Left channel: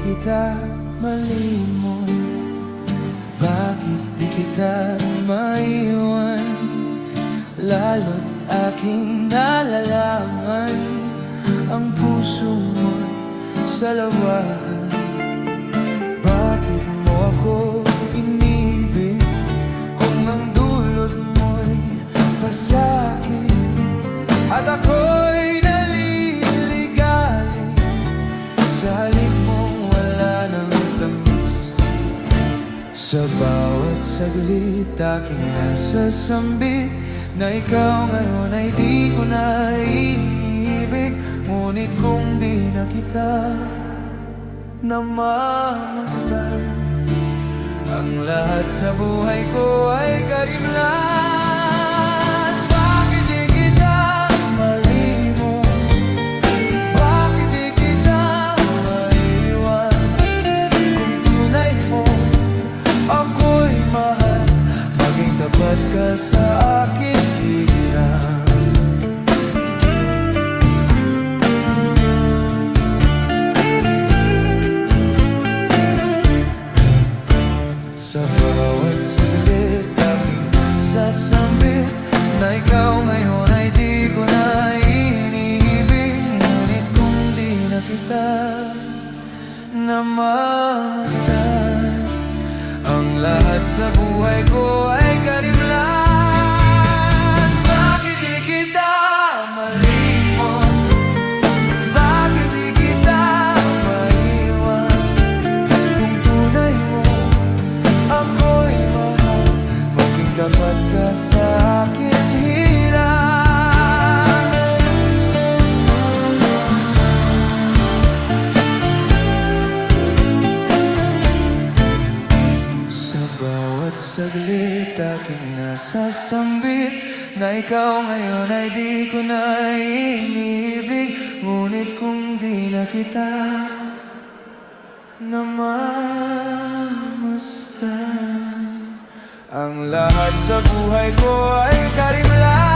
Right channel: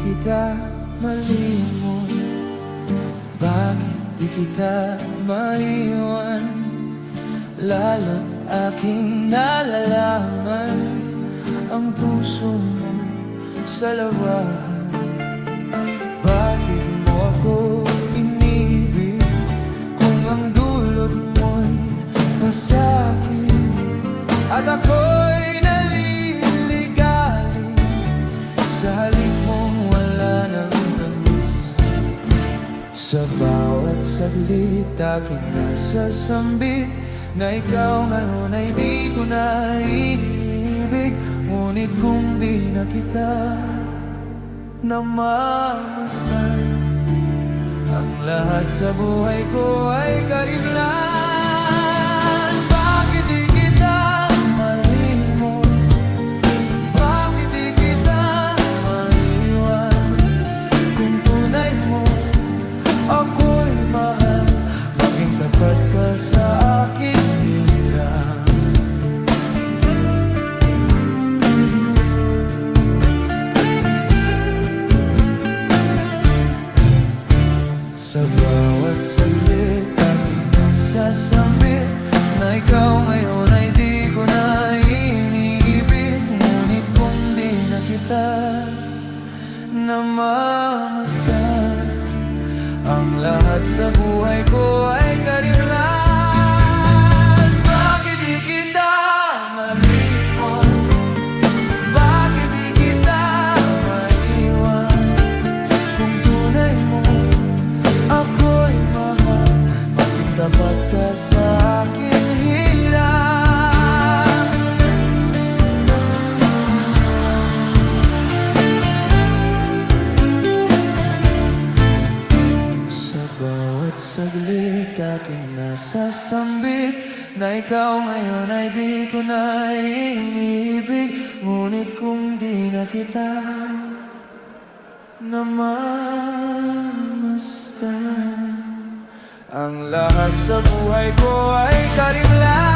kita malimot? Bakit di kita maiwan? Lalo't aking nalalaman ang puso mo'y salawahan. Bakit mo ako inibig kung ang dulot mo'y pasakit? At ako'y naliligali sa halik mong wala ng tamis. Sa bawat saglit aking nasasambit na ikaw ngayon ay di ko na inibig. Ngunit kung di na kita namamasdan, ang lahat sa buhay ko ay karimlan. Bakit di kita malimot? Bakit di kita maiwan? Kung tunay mo ako'y mahal, maging tapat ka sa akin hirang. Sa bawat saglit aking nasasambit na ikaw ngayon ay di ko na iniibig. Ngunit kung di na kita namamasdan, ang lahat sa buhay ko ay karimlan. Bakit di kita malimot? Bakit di kita maiwan? Kung tunay mo ako'y mahal, maging tapat ka sa akin hirang. Sa bawat saglit aking nasasambit na ikaw ngayon ay di ko na inibig. Ngunit kung di na kita namamasdan, ang lahat sa buhay ko ay karimlan.